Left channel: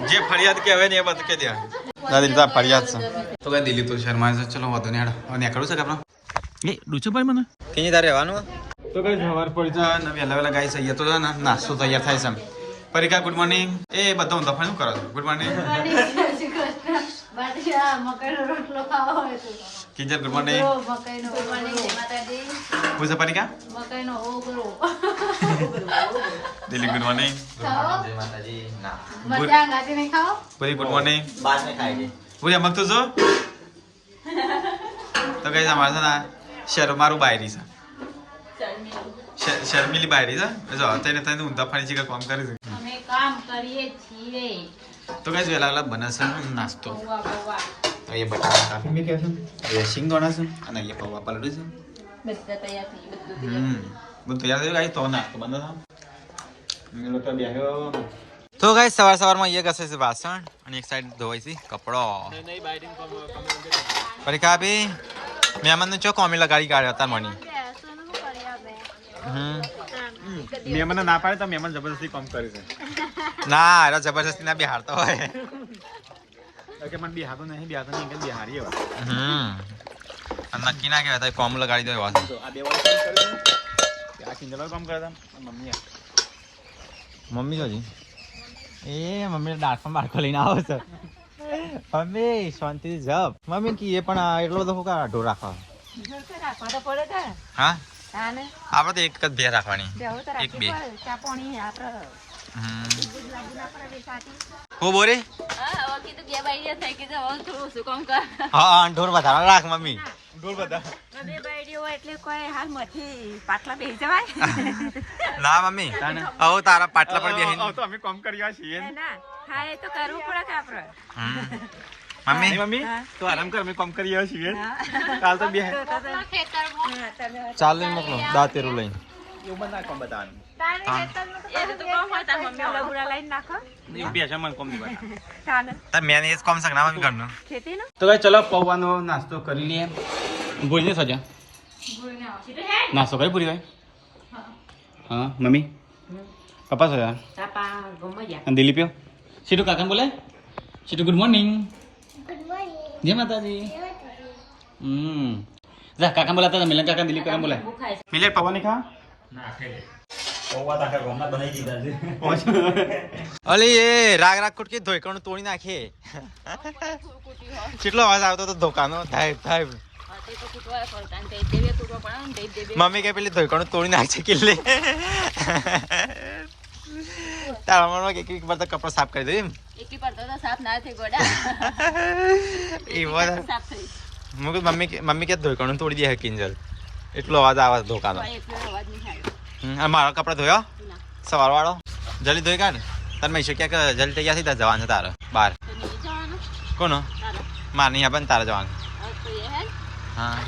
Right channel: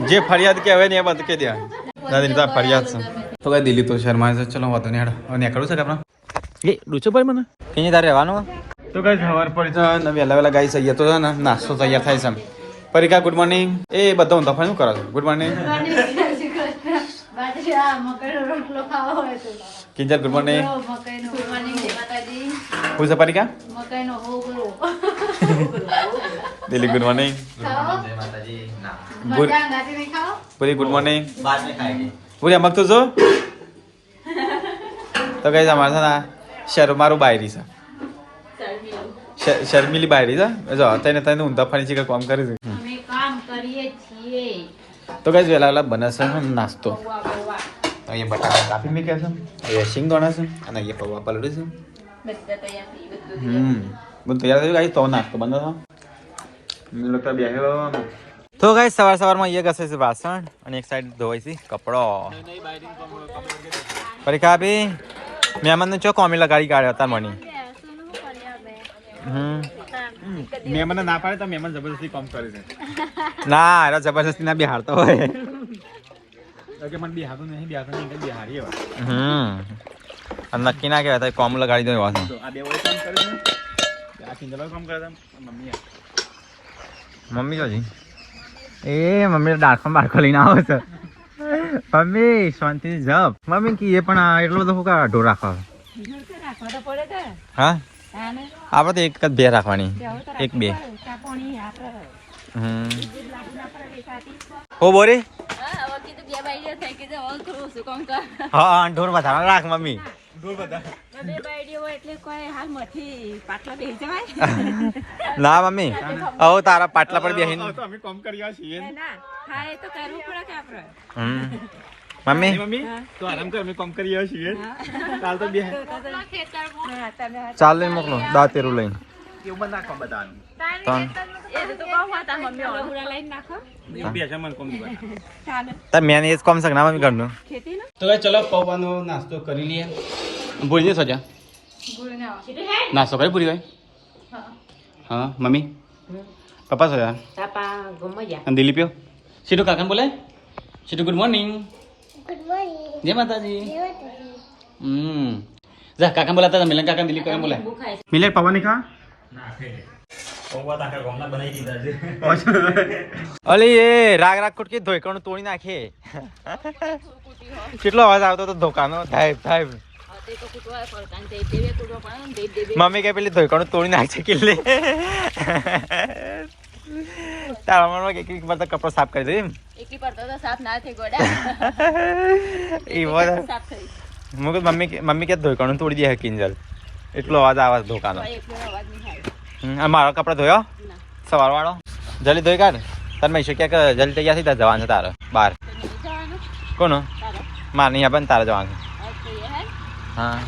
જે ફરિયાદ કહેવાય ને એ બધું કે દે દાદી તો ફરિયાદ છે તો કઈ દિલ્હી તો શર્મા છે ચલો વાંધો નહીં હેડો હવે નીકળવું છે કે આપણે એ ડૂચો ભાઈ મને કઈ તારે રહેવાનું તો કઈ સવાર પડી છે ને વહેલા વહેલા ગાઈ સહીએ તો છે ને નાસ્તો તૈયાર થાય છે પરીકા ગુડ મોર્નિંગ એ બધા હું તફાઈ શું કરો છો good morning Kinjal good morning હું છે પરીકા દિલ્હી ગુડ મોર્નિંગ પૂરી ગુડ મોર્નિંગ પૂરી અમક તો જો તો કઈ અમારે છે ને શર મારું બાયરી છે શર્મિલી બાયરી છે જો તને તને ઊંધા ફરી છે કે કામ કરી છે તો કઈ વહેલા વહેલા બને છે નાસ્તો અહીંયા બટાકા કાપી મેં છે અહીંયા સિંગ દોણા છે અને અહીંયા પૌવા પલડ્યું છે બધું તૈયાર થયું ગાઈ તો નાસ્તો બંધ હતો બેહ્યો તો ગાઈ સવાર સવારમાં એ ઘસે છે વાસણ અને એક સાઈડ ધોવાય છે કપડો પરીક્ષા આપી મહેમાનને ચો કોમી લગાડી કાઢ્યો તાર મની મહેમાન ના પાડે તો મહેમાન જબરદસ્તી કામ કરે છે ના એનો જબરદસ્તી ના બિહારતો હોય ઓકે મને બિહારતો નહીં બિહારતો નહીં કઈ બિહારી અને નક્કી ના કહેવાય કોમ લગાડી દો વાસણ આ કિંજલ કામ કરે છે મમ્મી જોજી એ મમ્મી ડાળખો બાળખો લઈને આવો છે મમ્મી શાંતિ જપ મમ્મી કી એ પણ એટલો બધો કા ઢોર રાખો હા આપણે તો એક જ બે રાખવાની એક બે હો બોરે હા ઢોર વધારે રાખ મમ્મી ના મમ્મી હવે તારા પાટલા પર બેહીને અમે કામ કર્યા છીએ મમ્મી તું આરામ કર અમે કામ કર્યા છીએ કાલ તો બે ચાલ લઈને મોકલો દાંતેરું લઈને તાર મેં એ જ કોમ શક ના મમ્મી ઘરનું તો કઈ ચલો પૌવાનો નાસ્તો કરી લઈએ ભૂલી જઈશ સજા નાસ્તો કરી ભૂલી ગઈ હા મમ્મી પપ્પા સજા અને દિલીપ સીટુ કાકા બોલાય સીટુ ગુડ મોર્નિંગ જય માતાજી જા કાકા બોલાતા મિલન કાકા દિલીપ કાકા બોલાય મિલન પૌવા નહીં ખા અલી એ રાગ રાગ કુટકી ધોઈકણું તોડી નાખે કેટલો અવાજ આવતો તો ધોકાનો થાય થાય મમ્મી કે પેલી ધોઈકણું તોડી નાખશે કિલ્લે તારા મનમાં એક વાર તો કપડો સાફ કરી દે એમ મમ્મી કે ધોઈકણું તોડી દે કિંજલ એટલો અવાજ આવે ધોકાનો મારો કપડા ધોયો સવાર વાળો જલ્દી ધોઈ કાઢ તાર મેં ક્યાંક જલ્દી તૈયાર થઈ જવાનું તારે બહાર કોનો માર નહીં આપે ને તારે જવાનું હા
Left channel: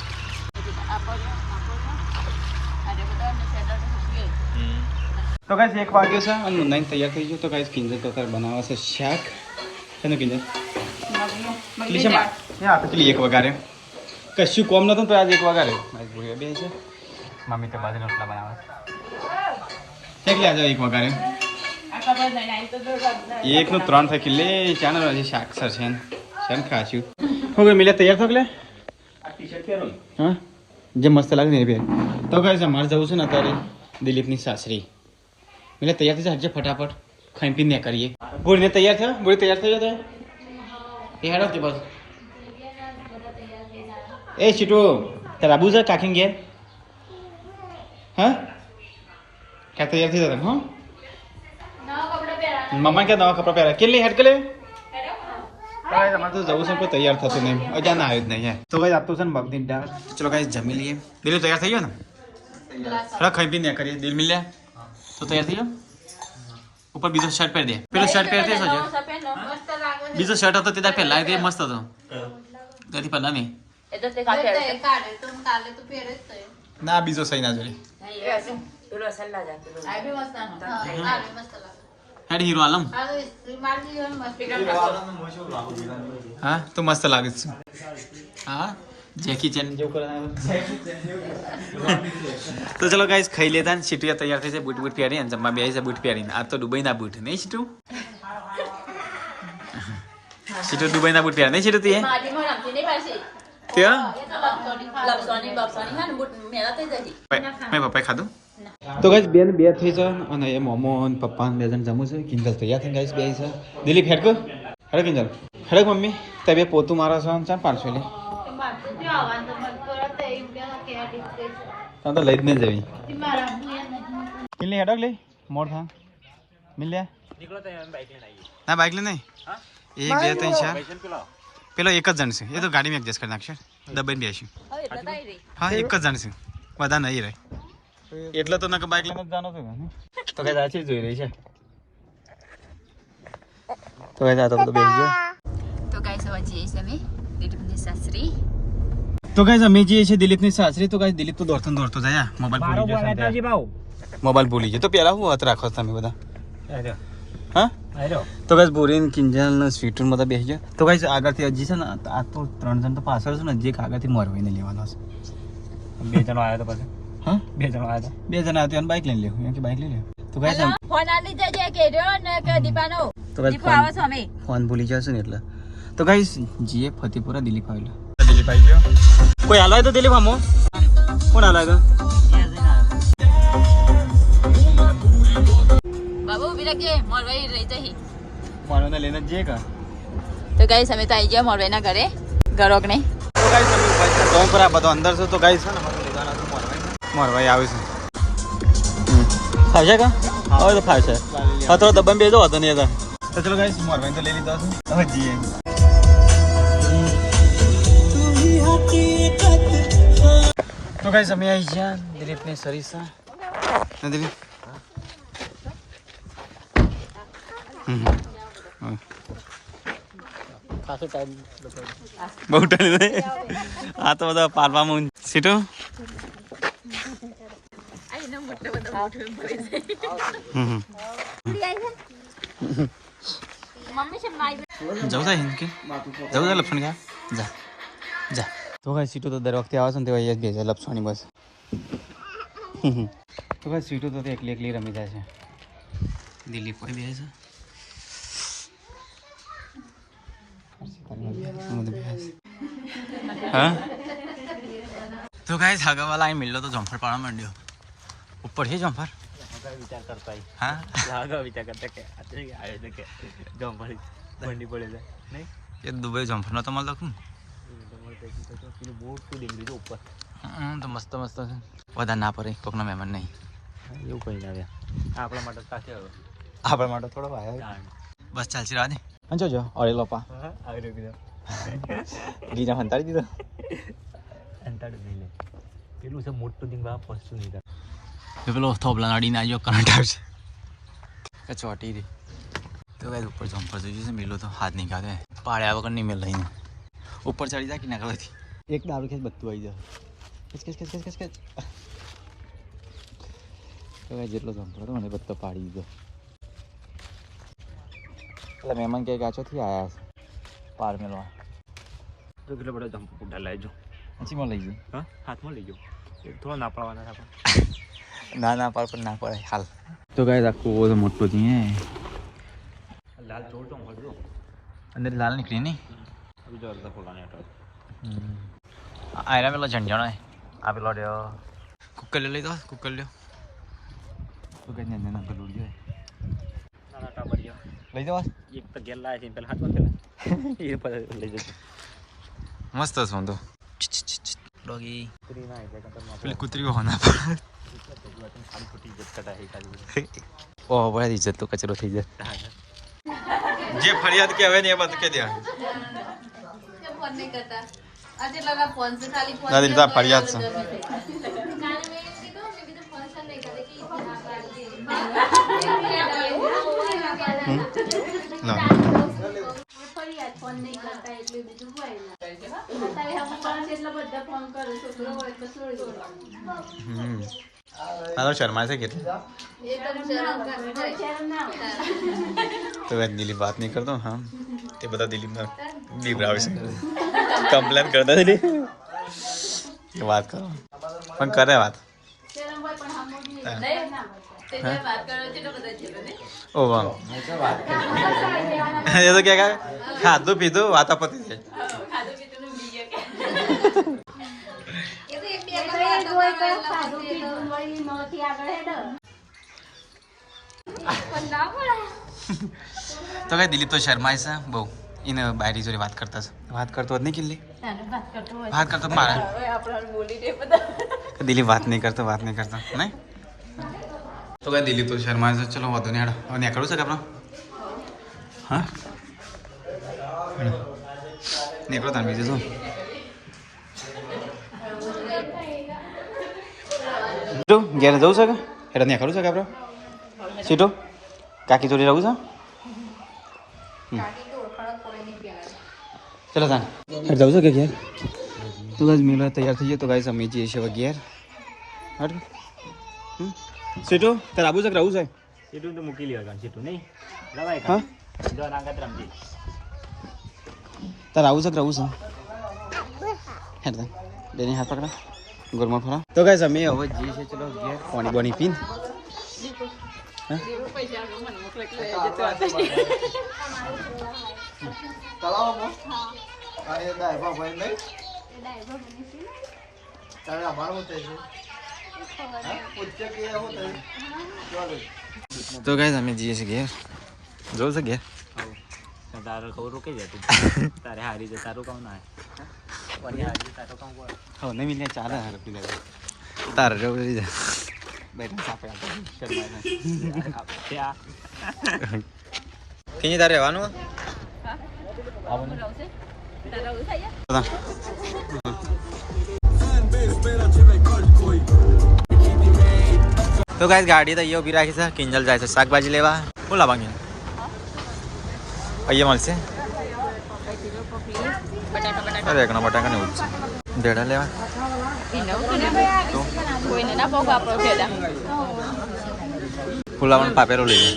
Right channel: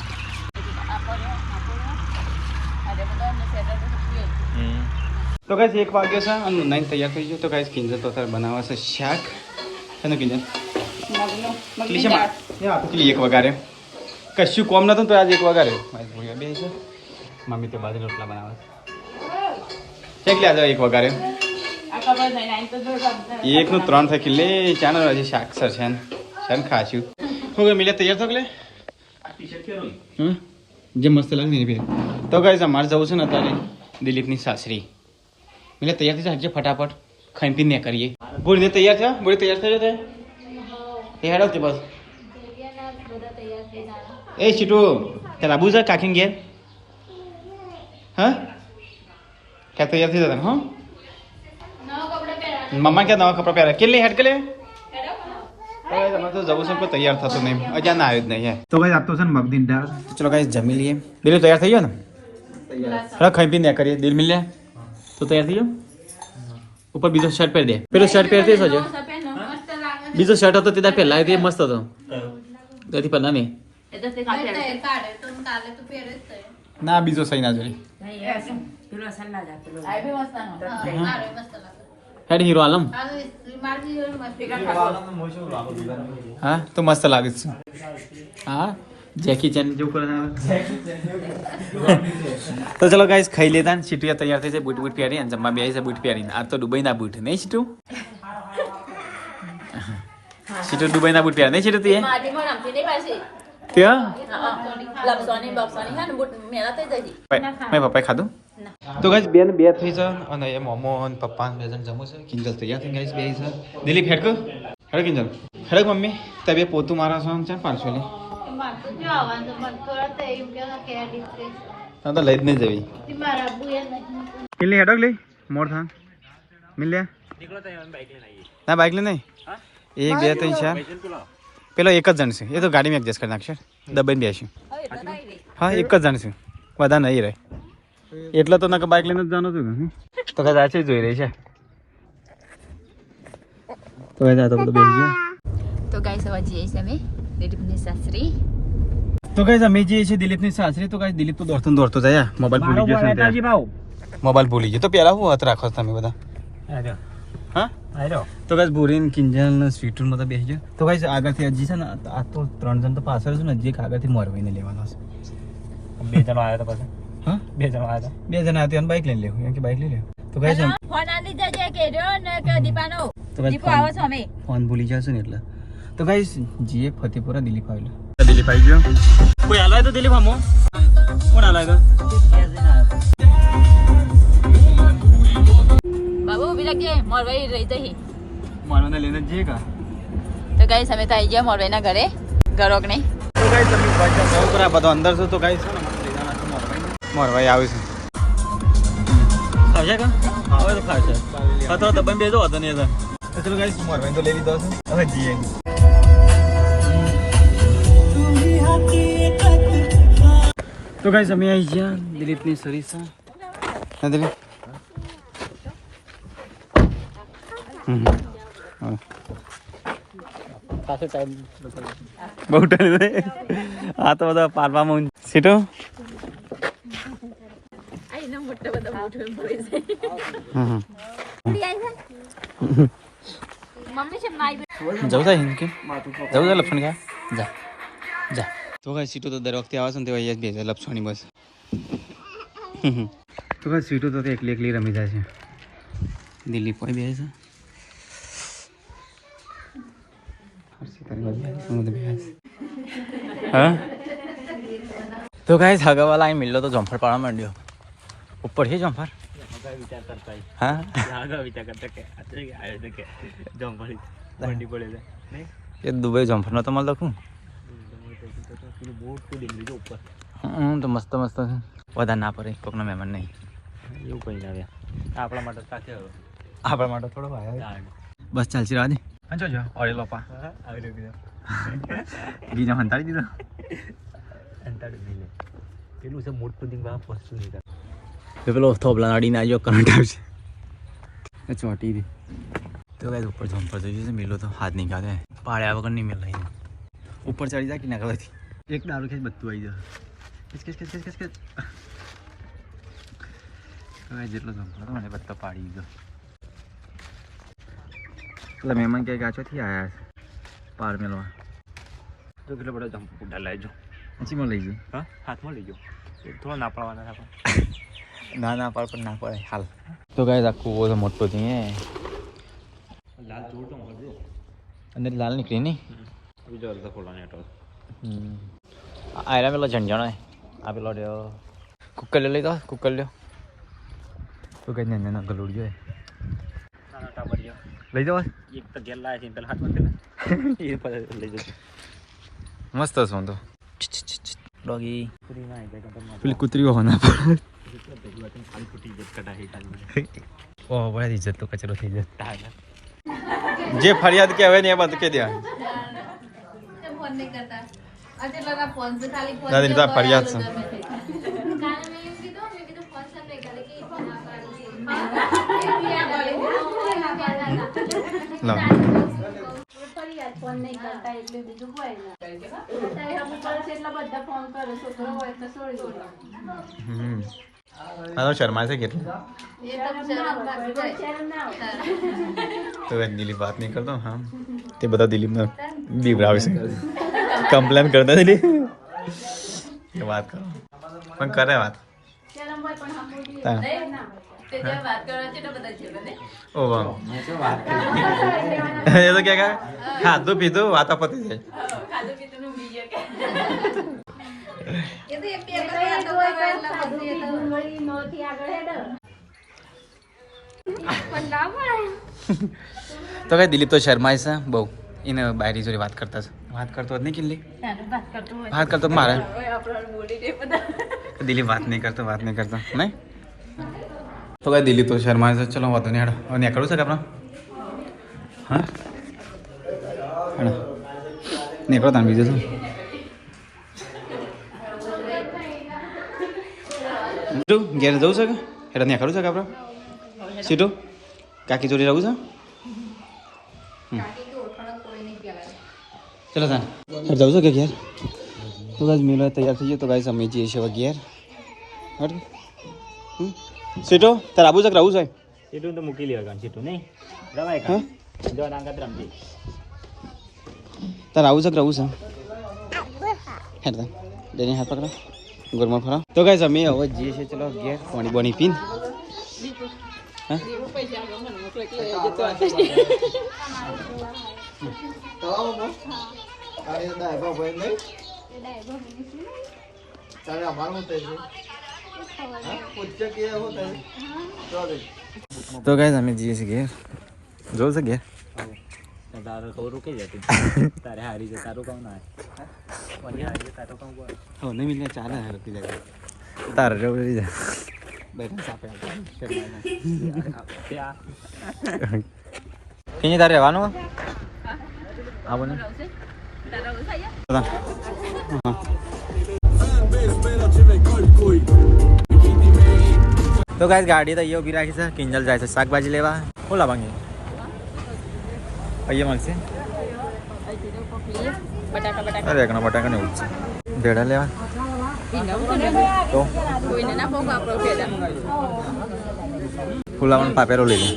તો કઈ એક વાગ્યો છે અને નહીં તૈયાર થઈ ગયો તો કઈ કિંજલ તો બનાવવા છે શાક અને કિંજલ પેલી એક વગારે કશું કોમ નતું તો આજે એક વગારે બે છે મમ્મી તો બાજુ રોટલા બનાવે કેટલી આજે એક વગારે એક નું 3 થઈ કિલ્લે ચાનો હજી શાક સરસન સન ખાશું હું મિલે તૈયાર થકલે હા જે મસ્ત લાગે ને બે તો કઈ અમારે જવું છે ને અત્યારે દિલીપની સાસરી મિલે તૈયાર થઈ જાય ફટાફટ ખાઈ પીને કરીએ બોલીને તૈયાર થયો બોલી તૈયાર થયો તે એ હેડો તે બસ એ સીટો તારા આબુ છે કાકીને ઘેર હા क्या तैयार थी जरा हाँ मम्मा क्या नवा कपड़ा पहरा કેટલી હેડ કરે તો જવું છે પણ તૈયાર થતો નહીં અજા ના આવ્યો જ નહીં તો ગાઈસ આપતો છે ને મગની દાળ ચલો ગાઈસ જમી લઈએ દિલ તૈયાર થઈ ગયો ને હા ખાઈ પી ને કરીએ દિલ મિલ લે તો તૈયાર થઈ ગયો ઉપર બીજો શર્ટ પહેર દે પેલો શર્ટ પહેરતે સજો બીજો શર્ટ હતો તે પહેલા એ મસ્ત હતો તેથી પહેલા નહીં ના બીજો સહી ના જોડે હેડ હીરો આલમ હા તો મસ્ત લાગે છે હા જેકી ચેન જો તો ચલો ગાઈસ ખાઈ લેતા ને સીટિયા તૈયાર થઈ છે બૂટ બૂટ પહેરી અને જમવા બે છે બૂટ પહેરીને આ તો દુબઈના બૂટ નહીં સીટું સીટો દુબઈના બૂટ પહેર્યા નહીં સીટો તું ત્યાં મેં પપ્પાએ ખાધું તો ગાઈસ બેન બે થઈ છે અને એ મોમો અને પપ્પા બે જણ જમું છે કિંજલ તૈયાર થઈને ગાઈસ બે છે દિલીપ હેડ કર હેડ કિંજલ હેડ મમ્મી તબે પોતું મારા છે 500 લે હા તો લઈ જ નહીં જવી કિલ્લી હેડક લઈ મોડ થા મિલ્યા ના બાઇક લે નહીં 1 2 3 4 પેલો એક જ જણ છે એ તો ગાડીમાં એડજસ્ટ કરી નાખશે દબાઈને બેસી હા એક જ જણ છે બધા નહીં રહે એટલે તો ના બાઇક લઈને જ જવાનું છું તો કઈ આજે જોઈ રહી છે તો કઈ તો બધું બેસી ગયું તો ગાઈસ હવે જઈએ છીએ અમે દિલીપની સાસરી તો કઈ અમે જઈએ છીએ દિલીપની સાસરી તો કઈ દિલીપ તો દોડતો જાય મોબાઈલ ભૂલી ગયો મોબાઈલ ભૂલી ગયો તો પેલા હું હાથ રાખો તમે બધા હા તો કઈ બોરીન કિંજલ ને સ્વીટુન બધા બેસી ગયો તો કઈ આગળથી હજી છે ને આ તો 3 જણ તો પાછળ છે ને જે આગળથી મોરવાઈને લેવાનો છે 2 જણ આવ્યા તો પછી હા 2 જણ આવ્યા તો બાઇક લઈને લેવું એમ કે બાઇક લઈ લે તો કઈ ફોન આલી જજે કે રહ્યો ને કે દીપાનો દીપો આવે છે અમે ફોન ભૂલી જશે ને એટલે તો ગાઈસ જીએ ફતેપુરા દિલીપ આવેલા દિલીપ આવી ગયો કોઈ આલાય તો દિલીપ આમો કોણ આલાય તો બાબુ ઉભી રાખજે મોરવાઈ રહી જઈ મોરવાને લઈને જ જઈએ કા તો ગાઈસ અમે તો આવી ગયા મોરવાઈના ઘરે ઘરોકને તો ગાઈસ અમે ઉપર છે તો ઉપર આ બધો અંદર છે તો ગાઈસ છે ને મને લઈ જવાના તો મોરવાઈ આવે છે ફાવશે કા આવે તો ફાવશે હા તો દબમ બેજો હતો નહીં હતો તો ચલો ગાઈસ મોરવાઈ તો લઈ લીધો છે હવે જીએ તો ગાઈસ અમે આવી ગયા દિલીપની સરીસા ના દિલીપ બહુ ટાઈમ આ તો બધા પાલવામાં સીટો જવું થાય કે જવું થાય લપસણ કા જા જા તો કઈ સીટો તો દર વખતે આવે છે ને તો અહીંયા જ બેસે લપસવાની બસ તો કઈ સીટો તો એકલી રમી જાય છે દિલીપ કોઈ બે છે હા તો ગાઈસ હગાવાલા અહીં મિલ્લો તો જમ્ફર પાડવા માંડ્યો ઉપર છે જમ્ફર હા એ દુબઈ જમ્ફર નો તો મળતો શું તો મસ્ત મસ્ત છે વધારે ના પડે કોકના મહેમાન નહીં એવું કઈ લાગે આપણા માટે આપણા માટે થોડો બસ ચાલશે રાધે જો ઓરે લોપા ગીજા હંતાડી દીધો પેલું છે મોટું દિન પહોંચતું નહીં પેલો થોબલા અડીને આવ્યો કરંટ આવશે ચોટી દે તો ભાઈ ઉપર જમ્પર થઈ જશે મેલો તો હાથ નહીં કાઢે પાડ્યા વગર નહીં મેલ લઈને ઉપર ચડી જાય કે ના કરવાથી એક દારૂ ખેંચ બધું આવી જાય તો જેટલો જમ્પર હતો મને બધો પાડી દીધો એટલે મહેમાન ક્યાંક આછોથી આવ્યા છે પાર મેળવા તો કેટલો બધો જમ્પ ઉડા લાવજો ચીમાં લઈ ગયો હા હાથમાં લઈ ગયો થોડો ના પાડવાના પણ ના પાડ પણ ના પડે હાલ તો કઈ આખું મોટો છે લાલ જોડતો અંદર લાલ નીકળી નહીં બીજો અડધો ખોલવાની હતો આયરા પેલો ઝંઝણ આ પેલો કુકર લઈ દો કુકર લ્યો તો કઈ ને ના ગલુડ જોઈએ લઈ જવા એક તો ગેલ લાવે છે પેલા હાથમાં એ પર લઈ જજો મસ્ત છે તો ડોગી પેલી કૂતરી હોના ઓહ બડા ઇજ્જત તો કચરો થઈ જાય જે ફરિયાદ કે હવે ને એ બાત કે દે દાદી તા ફરિયાદ છે લા મારો શર્મા છે કેટલા તો દિલીપ વાત નહીં કરતો હા તે બધા દિલીપને બીવરાવે છે કમ્પ્લેન કરતો વાત કરો પણ કરે વાત ઓ વાહ એ તો કે ખાધું પીધું વાતા પતી જાય તો કઈ દિલીપ તો શર્માય છે બહુ એને બાયરી જોડે વાત કરતા છે વાત કરતો જ નહીં કિલ્લી વાત કરતો મારે દિલીપ વાત નહીં કરતો નહીં તો કઈ દિલીપ તો શર્માય છે ચલો વાંધો નહીં હેડો હવે નીકળવું છે કે આપણે હા હેડો નીકળો તાન બીજું શું ઘેર જવું છે કે હેડો નીકળવું છે કે આપણે સીટો કાકી જોડે રહું છે ચલો તાન હેડ જવું છે કે ઘેર તો ગાઈસ મેલો તૈયાર થઈ ગયો તો ગાઈસ અમે જઈએ છીએ હવે ઘેર હટ સીટો તાર આબુ છે કે રહું છે સીટું તો મૂકી લેવા સીટું નહીં રવાય હા જો નાગત રમજી તાર આવું છે કે રહું છે હેડ તાન ડેની હાથ પકડા ગોરમાં ફરા તો ગાઈસ અમે હવે જઈએ છીએ ચલો ઘેર પાણી બોણી પીન હા તો ગાઈસ અમે જઈએ છીએ ઘેર જોઉં છે ઘેર તારો કહું રૂકે જતું તારે હારી છે તારું કહું ના તારું કહું હો નહીં મિલે ચાલે હાર પી લે તારે જવું રહી જા બેઠા સાપે કઈ તારે રહેવાનું તો ગાઈસ ગાડી તો અહીંયા ઊભી રાખી છે કિંજલ જાય છે શાકભાજી લેવા શું લાવવાની અહીંયા મળશે અરે એકના બટાકા ને ઉઠશે ભેડા લેવા તો ફુલાવાનું પાપેરો લઈ લે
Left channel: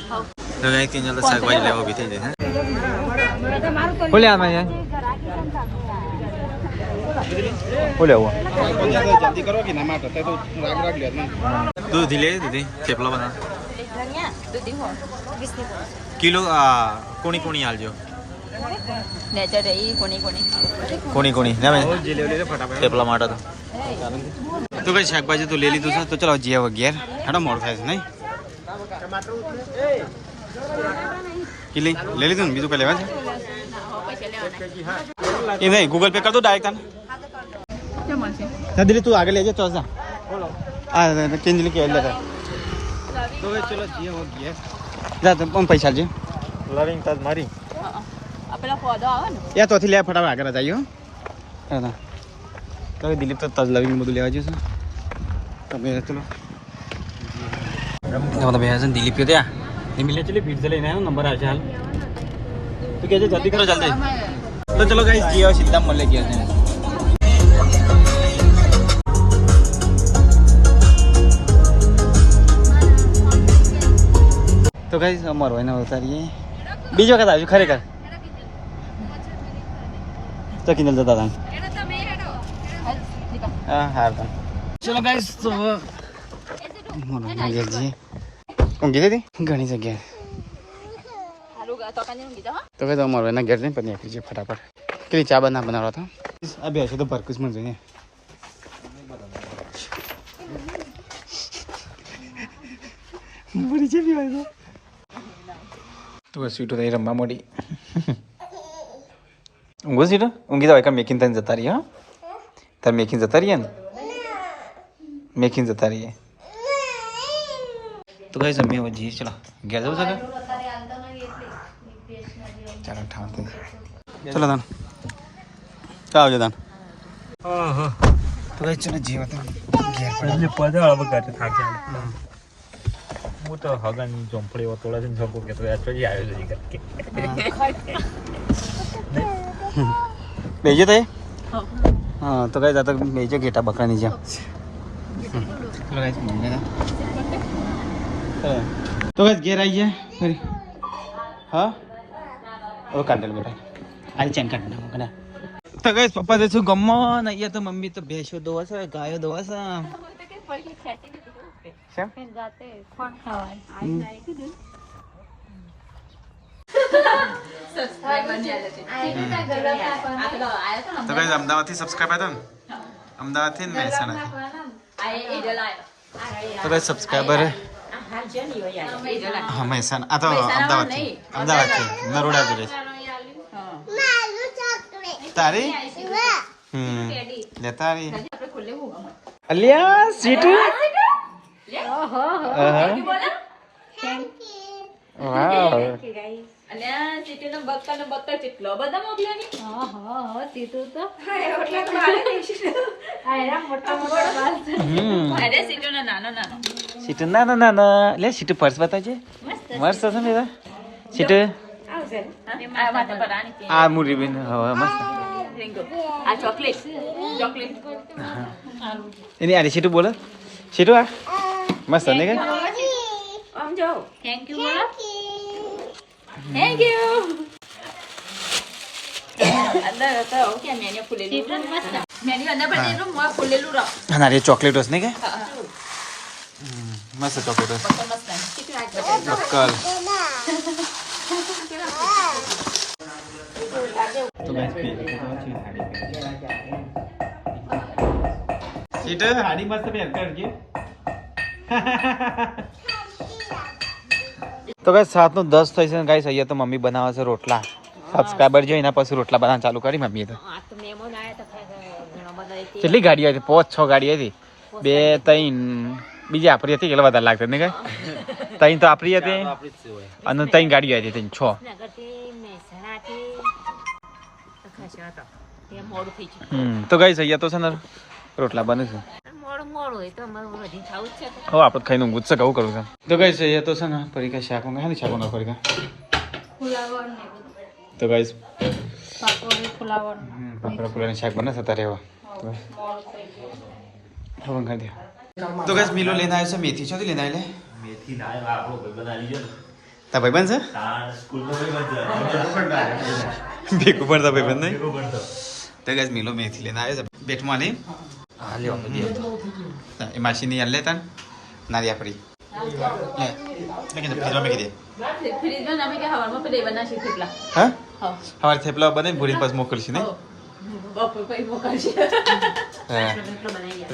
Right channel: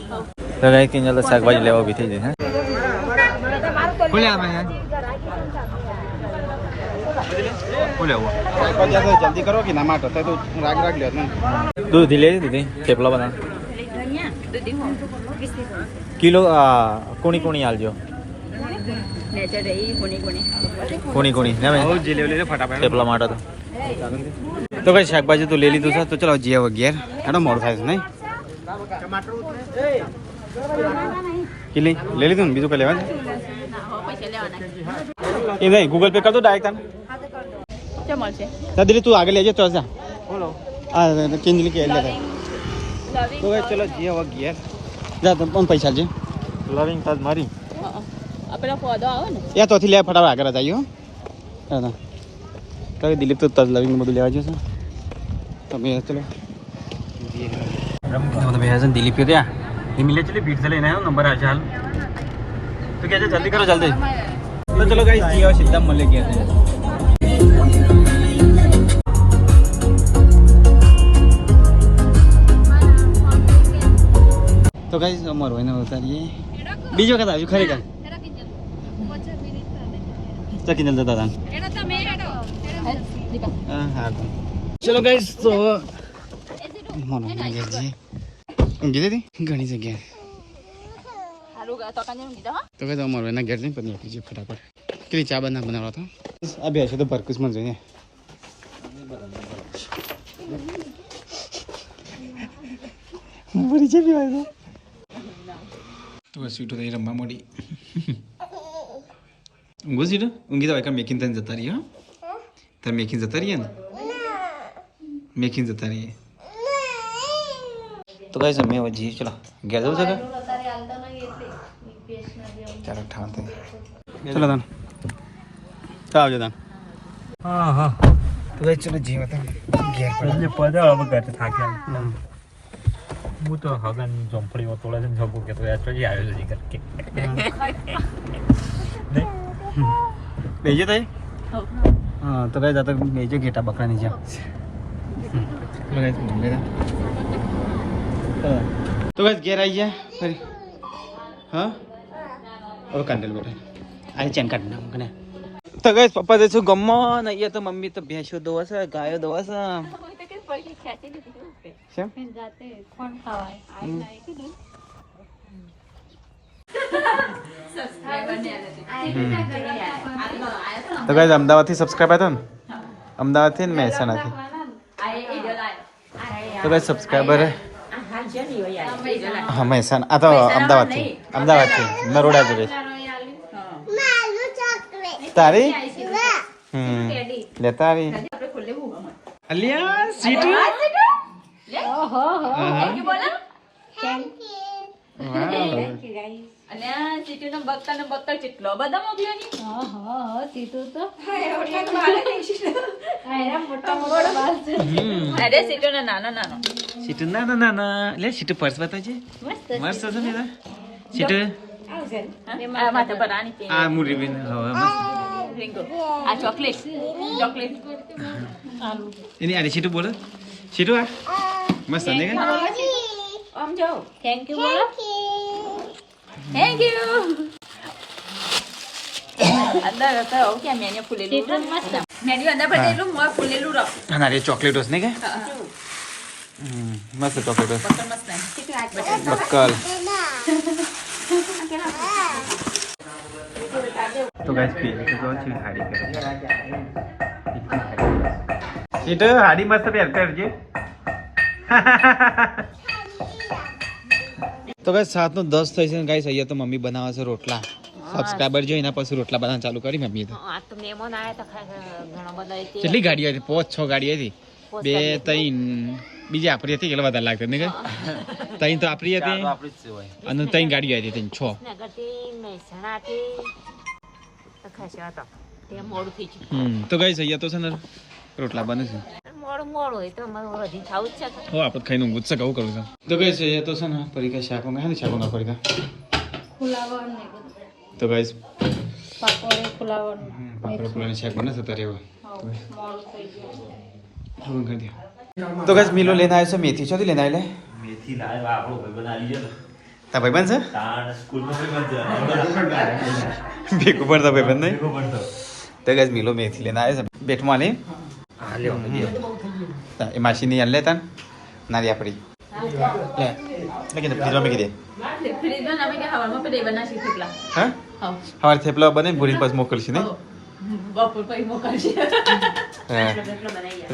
તો ગાઈસ કિંજલ તો શાકભાજી લેવા ઊભી થઈ જાય ફૂલ્યા અમે જલ્દી કરો કે ના માટો તો રાગ લે દૂધી લે દૂધી થેપલા બના કિલો કોણી કોણી આલજો કોણી કોણી ના ફટાફટ થેપલા માટે તો કઈ શાકભાજી તો લઈ લીધું છે તો ચલો જીએ વગેરે હેડો મોડું થાય છે નહીં કિલી લઈ લીધું ને બીજું કઈ લેવા છે એ નહીં ગૂગલ પે કર દો ડાયરેક્ટ તને દિલી તું આગળ લેજે તો જા હા કિંજલી કે લેતા તો ભાઈ ચલો જીએ વગેરે જા તમે પૈસા લે લવિંગ તક મારી પેલા પોદો આવે ને યા તોથી લે ફટાફટ આગળ જઈએ હા તો દિલીપ તો તજ લવિંગ બધું લેવા જશે તમે ચલો તો ભાઈ હસન દિલીપ ત્યાં મિલે ચલી ભીડ से लेना है नंबर आ हाल तो कैसे जल्दी करो जल्दी तो चलो गाइस जियो सीधा मले गया है तो गाइस અમારો એને ઉતારીએ બીજો કદા હજુ ખરેખર તો કિંજલ જતા હતા હા હાર ચલો ગાઈસ તો મારો એને ગયા જઈએ ઊંઘી જતી ઘણી જગ્યાએ તો કઈ તો અમારો એના ઘેર જઈને પછી નીકળી જઈએ ફટાફટ કેટલી ચા બના બનાવવા હતા આ બે છે તો ભરકુસમાં જોઈએ મરી જવી હોય તો સ્વીટો થઈ રમવા મળી ઊંઘો સીટો ઊંઘી જવાય કાં મેકીને તને જતા રહીએ હા તારે મેકીને જતા રહીએ ને મેકીને જતા રહીએ तो भाई समय वो जी चलो गया जरूर से चलो ठाक चलो दान क्या हो गया दान હા હા तो भाई चलो जी मतलब गया पड़ा પદા હવે ગાતે થાક્યા હું તો હગન જોંપડી તોડે છે જોકો કે તો યાર પછી આવ્યો છે કે भेजे थे हाँ तो भाई ज़्यादा भेजो गेटा बकरा नीचे चलो गाइस मिल लेता तो बस घेर आई है हाँ और काट बेटा आई चैन काटना कने तो गाइस पापा देखो गम्मो नहीं ये तो मम्मी तो भैंसो दो गायो दो કેમ તો ગાઈસ અમદાવાદથી સબસ્ક્રાઇબ હતા ને અમદાવાદથી ને મહેસાણાથી તો ગાઈસ સબસ્ક્રાઇબર હા મહેસાણા આ તો અમદાવાદથી નરોડા જ તારી લે તારી અલિયા સ્વીટ સીટુ ના લે સીટુ પર્સ બતાવજે મસ્ત છે ને સીટુ આ મુરી બેન મસ્ત એની આની સીટુ બોલો સીટુ આ મસ્ત ને કે થેન્ક યુ બોલો થેન્ક યુ ના રે ચોકલેટ ને કે મસ્ત ચોકલેટ બક્કલ તો ગાઈસ પેલી તો છે હાડી કરે છે સીટ હાડી મસ્ત પહેર કરજે તો ગાઈસ 7:10 થઈ છે ગાઈસ અહીંયા તો મમ્મી બનાવે છે રોટલા સબસ્ક્રાઇબર જો એના પછી રોટલા બનાવવાનું ચાલુ કરી મમ્મીએ તો કેટલી ગાડીઓ હતી 5-6 ગાડી હતી 2-3 બીજી આપણી હતી કેટલા વધારે લાગતા ને કઈ 3 તો આપણી હતી અને 3 ગાડીઓ હતી 6 તો ગાઈસ અહીંયા તો છે ને રોટલા બને છે હો આપણે ખાઈને ઊંઘું છે કહું કરું છે તો ગાઈસ અહીંયા તો છે ને પરીકા શાક મંગા ને શાક મંગા પરીકા તો ગાઈસ પાપડ ફુલાવર શાક બને છે તારે એવા હવે ખાઈ દે તો ગાઈસ મિલો લઈને આવ્યો છે મેથી છોથી લઈને આવ્યો મેથી લાવ્યો આપણો ભાઈબંધ આલી ગયો તા ભાઈબંધ છે તાણ સ્કૂલમાં ભાઈબંધ ભેગું પડતા ભાઈબંધ નહીં છે તો ગાઈસ મિલો મેથી લઈને આવ્યો છે બેઠમાં નહીં હા લ્યો એ માસી ની લે તા નારી આપડી લે લેકે તો ફ્રીજમાં મેકી દે હા હવાર થેપલા બને ભૂરી પાસ મોકલશે ને હા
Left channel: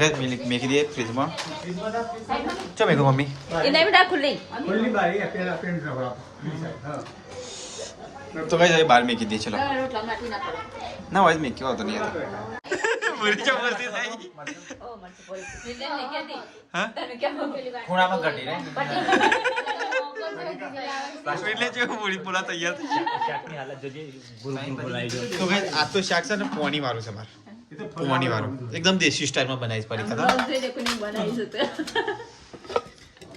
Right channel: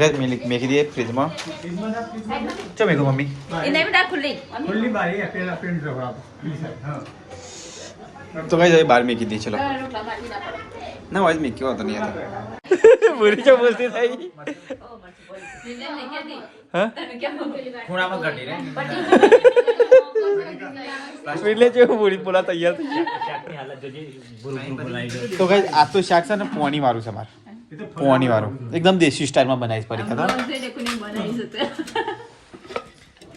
રેડ મિલ્ક મેકી દે ફ્રીજમાં ચો મેગો મમ્મી તો ગાઈસ બહાર મેકી દે ચલો ના વાજ મેકી હોતો નહીં યાર પૂરી ચો મસ્તી થઈ હા ખૂણામાં ઘટી રે એટલે જે પૂરી પોલા તૈયાર થઈ તો ગાઈસ આ તો શાક છે ને પોણી વાળું છે માર પોણી વાળું એકદમ દેશી સ્ટાઈલમાં બનાવીશ પડી ખબર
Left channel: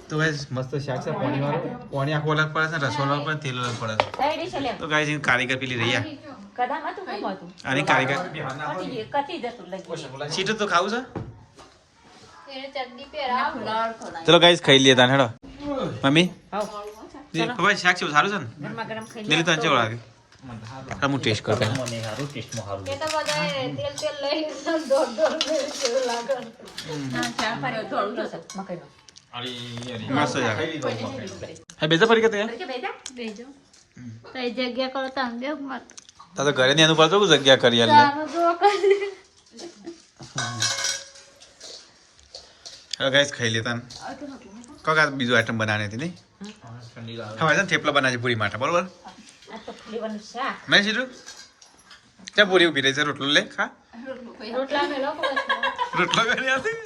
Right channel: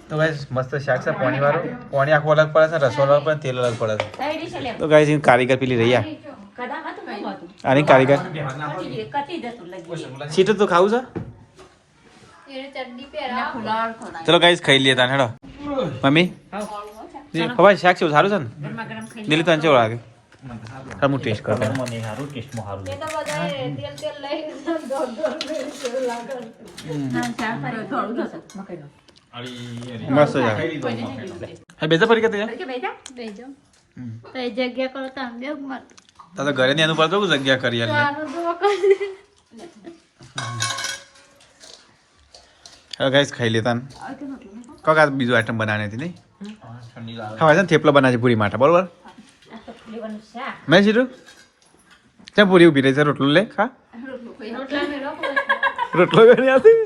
તો ગાઈસ મસ્ત શાક છે પોણી વાળું પોણી આખું અલગ પડે છે રસો અલગ પડે તેલ અલગ પડે છે તો ગાઈસ ઇન કારીગર પેલી રહ્યા આની કારીગર સીટ તો ખાવું છે ચલો ગાઈસ ખાઈ લઈએ તાન હેડો મમ્મી હવે શાક છે સારું છે ને દિલ્હી તો ચેવો લાગે હું ટેસ્ટ કરું પહેલા મસ્ત છે હા બેજા પડી કે જગ્યા કરો તો તો ઘરે ની અનુભવ તો જગ્યા કરી લે હવે ગાઈસ ખાઈ લેતા કોકા બીજું આઈટમ બનાવવાની હતી નહીં હવે છે ને થેપલા બનાવે છે પૂરી માટે બરોબર મેં સીધું ક્યાં પૂરી ઉભી રહી છે રોટલો લે ખા રોટલો કરી આપી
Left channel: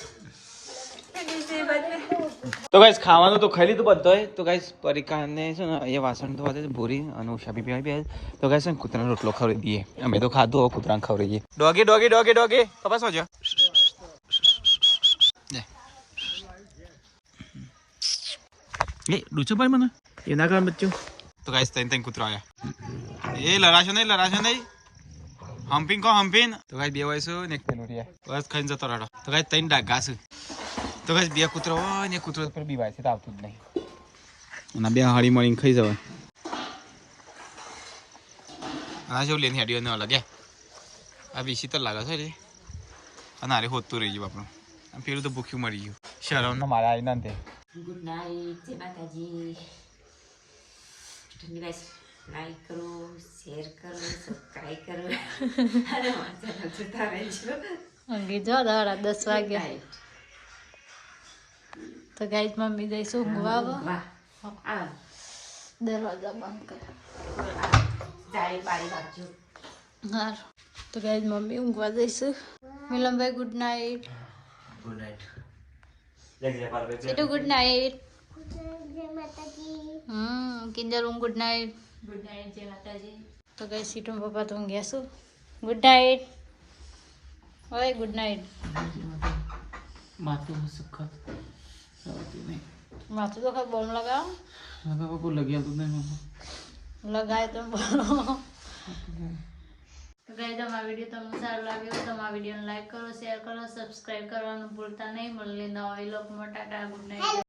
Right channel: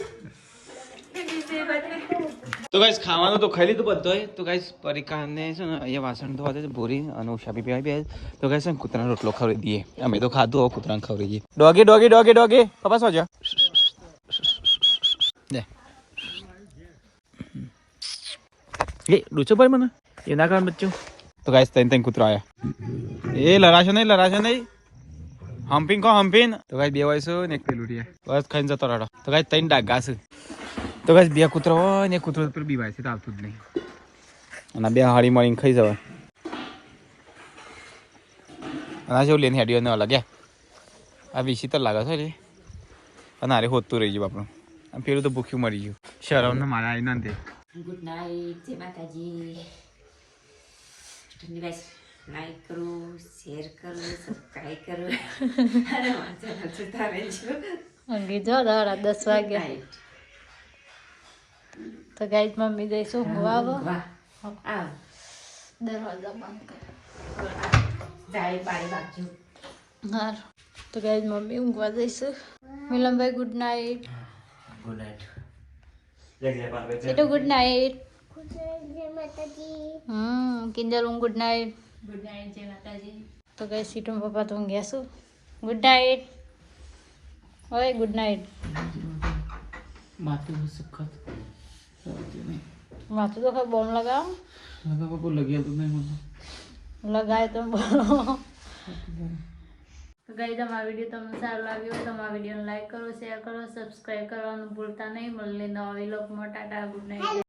તો ગાઈસ ખાવાનું તો ખાઈ લીધું બધો તો ગાઈસ પરીકા એમને છે ને એ વાસણ તો આજે ભૂરી અને ઉસારી પી આવી તો ગાઈસ છે ને કૂતરાનો રોટલો ખવડાવી દઈએ અમે તો ખાધું હવે કૂતરાને ખવડાવીએ ડોગી ડોગી ડોગી ડોગી પપ્પા શું છે લે એ ડૂચો ભાઈ મને એ ના કામ બચ્ચું તો ગાઈસ તૈન કૂતરો આવ્યા એ લરાશો નહીં હમ્પિંગ કો હમ્પિંગ તો ગાઈસ બે વાયસો ને એક પેલું રહ્યા બસ ખાઈને જતો રહો તો ગાઈસ તૈન ડાઘા છે તો ગાઈસ બે કૂતરો હોય ને કૂતરો પેલું બીવાય છે તો આવતું જ નહીં અને બે હળી મળીને ખાઈ જવાય અને જેવું લઈને હેડીઓ ને અલગ આ વિસી તો લાગે છે રે અને હારે હોતું રહી ગયું આપણું પેલું તો ભૂખ્યું મરી ગયું શરમ ના મારા આવીને તે ગુડ નાઇટ જય માતાજી ધન્યવાદ લાઈક કરો શેર કરો સબસ્ક્રાઇબ કરો અને વાંચો જોતા રહેજો અંગી જો 10 વાગ્યા તો ગાઈસ મમ્મી જઈશું ઊંઘવા વાહ આ દરવાજા બંધ કર જાય પાણી બાજુ હા તો ગાઈસ મમ્મી ઊંઘવા જઈશું મિલનભાઈ good night good night Situ good night Kinjal good night good night જય માતાજી તો ગાઈસ સીટુ પપ્પા તો ઊંઘ્યા છું ગુડ નાઇટ ઓય ગુડ નાઇટ માથું સખત નહીં માથું તો ખબર બોમ્બ લગાવો લગાવવા કોઈ લગ્યા તો નહીં લગાય તો બોલો તો ગાઈસ તમારા વિડીયો તમને સારો લાગ્યો તો તમારા વિડીયોને લાઈક કરો શેર કરો સબસ્ક્રાઇબ કરવાનું ભૂલતા નહીં મળીએ નવા વ્લોગમાં ટાટા ગુડ નાઇટ